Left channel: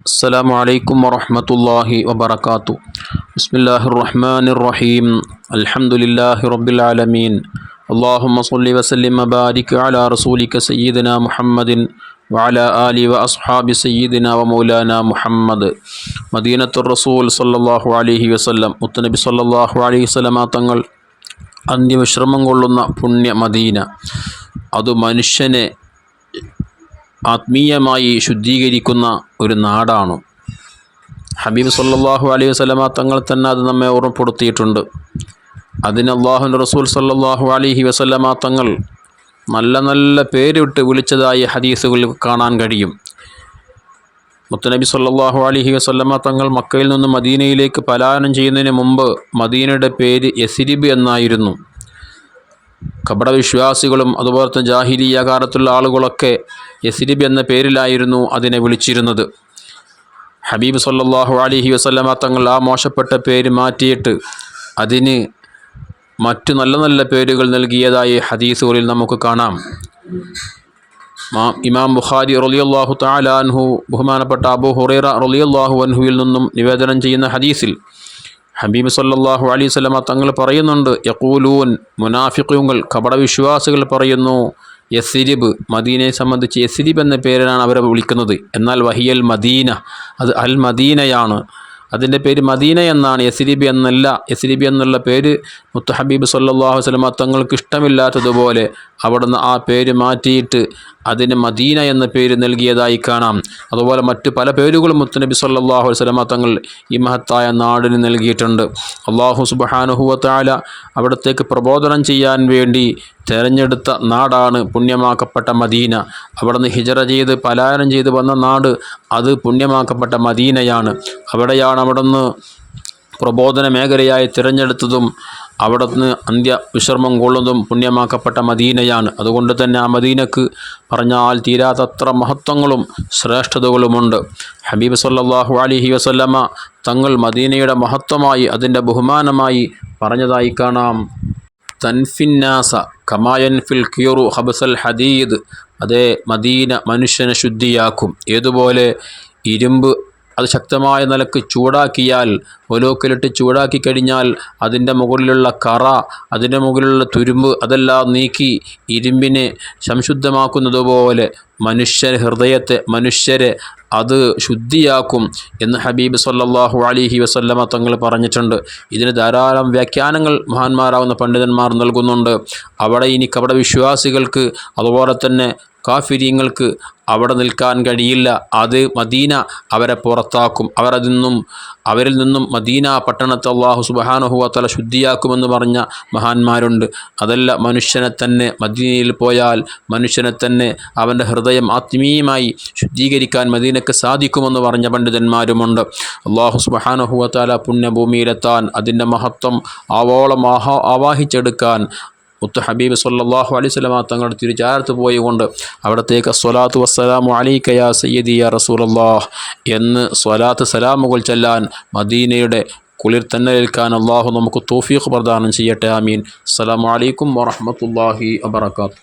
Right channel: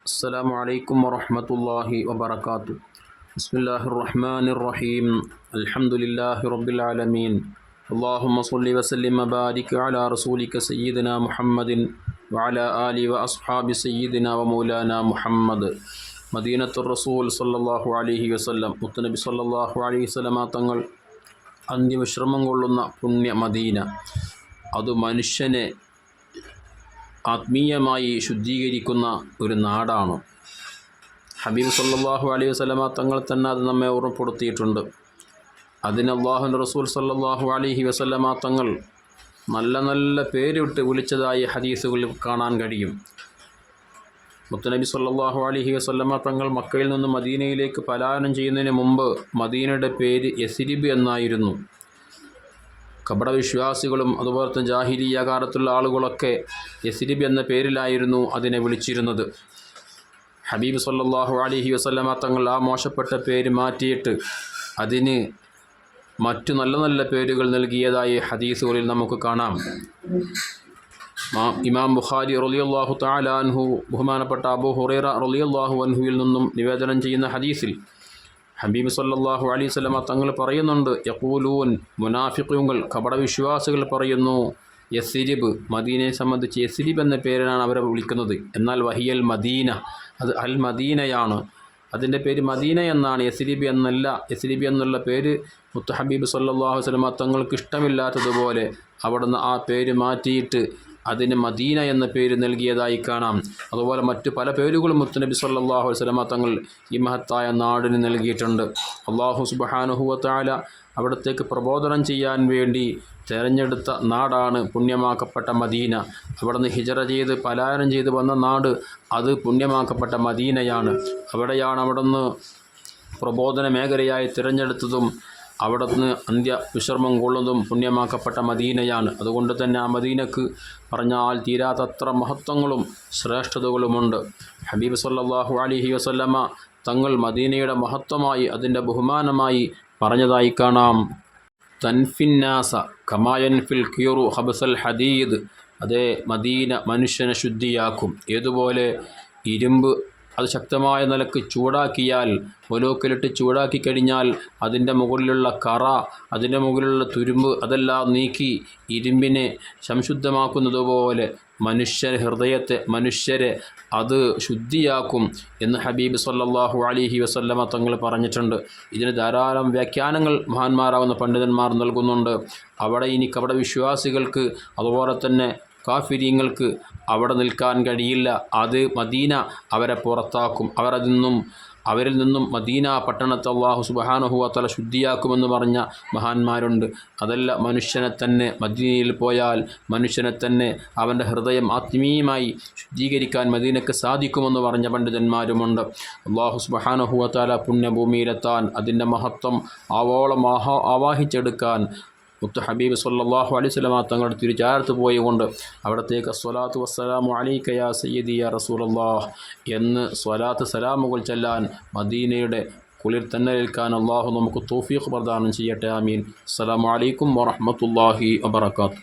السلام عليكم ورحمة الله وبركاته بسم الله الرحمن الرحيم الحمد لله رب العالمين اللهم صل وسلم وبارك على رسولك سيدنا محمد وعلى آله وأصحاب سيدنا ومولانا محمد مدينة الرسول صلى الله عليه وسلم മുത്തനബി സല്ലല്ലാഹു അലൈഹി വസല്ലമ തങ്ങൾ അന്ത്യവിശ്രമം കൊള്ളുന്ന പുണ്യ മദീന അത് മനുഷ്യനെ ആത്മീയമായി ശുദ്ധീകരിക്കുന്ന ഒരു നാടാണ്. ഹബീബ് സല്ലാഹു അലൈഹി വസല്ലമ തങ്ങൾ തന്നെ അത് നമ്മെ ഓർമ്മപ്പെടുത്തിയിട്ടുണ്ട്. അതിന് അള്ളാഹു റസൂൽ സല്ലാഹു അലൈഹി വസല്ലമ തങ്ങൾ നല്ല നല്ല പേരിട്ട് വിളിച്ചതായി ഹദീസുകളിൽ കാണാൻ കഴിയും. മുത്തനബി സല്ലാഹു അലഹി വസല്ലമ തങ്ങൾ മക്കയിൽ നിന്ന് മദീനയിലേക്ക് പലായനം ചെയ്യുന്നതിന് മുമ്പ് മദീനയുടെ പേര് യസിരിബ് എന്നായിരുന്നു. കപടവിശ്വാസികളും അതുപോലെ തന്നെ ജാഹിലിയ കാലത്തുള്ള ആളുകളൊക്കെ യസിരിബ് എന്ന പേരിലായിരുന്നു അതിനെ വിളിച്ചിരുന്നത്. ഹബീബ് സല്ലാഹു അലൈഹി വസ്ലമ തങ്ങൾ ആ മോശപ്പെട്ട പേര് മാറ്റിയിട്ട് അതിന് മറ്റു നല്ല നല്ല പേരുകൾ നൽകിയതായി ഹദീസുകളിൽ നമുക്ക് കാണാം. ഇമാം ബുഖാരി റളിയല്ലാഹു താലാൻഹു ബഹുമാനപ്പെട്ട അബു ഹുറൈറ റളിയല്ലാഹു അൻഹുവിൽ നിന്നും നിവേദനം ചെയ്യുന്ന ഹദീസിൽ ഹബീബ് സല്ലാഹു അലൈഹി സ്വലമ തങ്ങൾ പറയുന്നുണ്ട് യഖൂലൂൻ മുനാഫിഖുകൾ കപടവിശ്വാസികൾ പറയുന്നു യസിരിബ് മദീനയെ സംബന്ധിച്ച് യസിരിബ് എന്ന പേരിലാണ് അവരെ വിളിക്കുന്നത്. എന്നാൽ വഹിയൽ മദീന അത് അൽ മദീനയാണ്. അതിന്റെ പേര് മദീന എന്നാണ്. യസിരിബി എന്നല്ല യസിരിബി എന്നുള്ള പേര് മുത്തഹബീബ് സല്ലാഹു വസല്ലമ തങ്ങൾക്ക് ഇഷ്ടമില്ലാത്തതുപോലെ അവിടുന്ന് ആ പേര് മാറ്റിയിട്ട് അതിന് മദീന എന്ന പേര് നൽകിയതായി കാണാം. അതുപോലെ മറ്റു പല പേരുകളും മുത്തനബി സല്ലല്ലാഹു അലൈഹി വസല്ലമ തങ്ങൾ ഈ മഹത്തായ നാടിന് നൽകിയിട്ടുണ്ട്. അള്ളാഹു സുബ്ഹാനഹു തആല അവിടത്തേക്ക് പ്രബോധനം ചെയ്യാൻ വേണ്ടി തിരഞ്ഞെടുത്ത നാടാണ് പുണ്യമാക്കപ്പെട്ട മദീന. അവിടുന്ന് ഹിജറ ചെയ്ത് പലായനം ചെയ്ത് വന്ന നാട് അത് പുണ്യമാക്കപ്പെട്ട മദീനയാണ്. അവിടെയാണ് അവിടുന്ന് പ്രബോധന മേഖലയായി തിരഞ്ഞെടുത്തതും അവിടുന്ന് അന്ത്യ വിശ്രമം കൊള്ളുന്നതും പുണ്യമാക്കപ്പെട്ട മദീനയാണ്. അതുകൊണ്ട് തന്നെ ആ മദീനക്ക് പറഞ്ഞാൽ തീരാത്തത്ര മഹത്വങ്ങളും ശ്രേഷ്ഠതകളുമുണ്ട്. ഹബീബ് സല്ലാഹു അലിഹി വസല്ലമ തങ്ങൾ മദീനയുടെ മഹത്വമായി അതിന്റെ ബഹുമാനമായി പറഞ്ഞതായി കാണാം. തൻഫിന്നാസ കമായൻ ഫിൽ കിയറു ഹബസൽ ഹദീദ്. അതേ മദീന മനുഷ്യനെ ശുദ്ധിയാക്കും. ഏതുപോലെ ഇരുമ്പ് അത് ശക്തമായ നിലയ്ക്ക് ചൂടാക്കിയാൽ ഒലോക്കിലിട്ട് ചൂടാക്കി കഴിഞ്ഞാൽ അതിന്റെ മുകളിലുള്ള കറ അതിന്റെ മുകളിലുള്ള തുരുമ്പ് അതെല്ലാം നീക്കി ഇരുമ്പിനെ സംശുദ്ധമാക്കുന്നതുപോലെ മനുഷ്യ ഹൃദയത്തെ മനുഷ്യരെ അത് ശുദ്ധിയാക്കും എന്ന് ഹബീബ് സല്ലാഹു അലിഹി വസല്ലമ തങ്ങൾ പറഞ്ഞിട്ടുണ്ട്. ഇതിന് ധാരാളം വ്യാഖ്യാനങ്ങൾ മഹാന്മാരാവുന്ന പണ്ഡിതന്മാർ നൽകുന്നുണ്ട്. അവിടെ ഇനി കപട വിശ്വാസികൾക്ക് അതുപോലെ തന്നെ കാഫിര്യങ്ങൾക്ക് അവിടെ നിൽക്കാൻ കഴിയില്ല. അത് മദീന അവരെ പുറത്താക്കും. അവരതിൽ നിന്നും അവരിൽ നിന്നും മദീന പട്ടണത്തെ അള്ളാഹു സുബഹാനുഹുവത്തല ശുദ്ധിയാക്കുമെന്ന് പറഞ്ഞ മഹാന്മാരുണ്ട്. അതല്ല മനുഷ്യനെ തന്നെ മദീനയിൽ പോയാൽ മനുഷ്യനെ തന്നെ അവന്റെ ഹൃദയം ആത്മീയമായി ശുദ്ധീകരിക്കാൻ മദീനക്ക് സാധിക്കുമെന്ന് പറഞ്ഞ പണ്ഡിതന്മാരുമുണ്ട്. അള്ളാഹു സുബഹാനുഹുവത്തല പുണ്യഭൂമിയിലെത്താൻ അതിന്റെ മഹത്വം ആവോളം ആഹാ ആവാഹിച്ചെടുക്കാൻ മുത്ത് ഹബീബ് സല്ലല്ലാഹു അലൈഹി സ്വലമ തങ്ങളുടെ തിരുചാരത്ത് പോയിക്കൊണ്ട് അവിടത്തേക്ക് സ്വലാത്തു വസ്സലാമു അലൈക യാ സയ്യദി യാ റസൂലല്ലാഹ് എന്ന് സ്വലാത്ത് സലാമുകൾ ചെല്ലാൻ മദീനയുടെ കുളിർ തന്നെ ഏൽക്കാൻ അള്ളാഹു നമുക്ക് തോഫീഖ് പ്രദാനം ചെയ്യട്ടെ ആമീൻ. അസ്സലാമു അലൈക്കും വറഹ്മത്തുള്ളാഹി വബറകാതുഹു.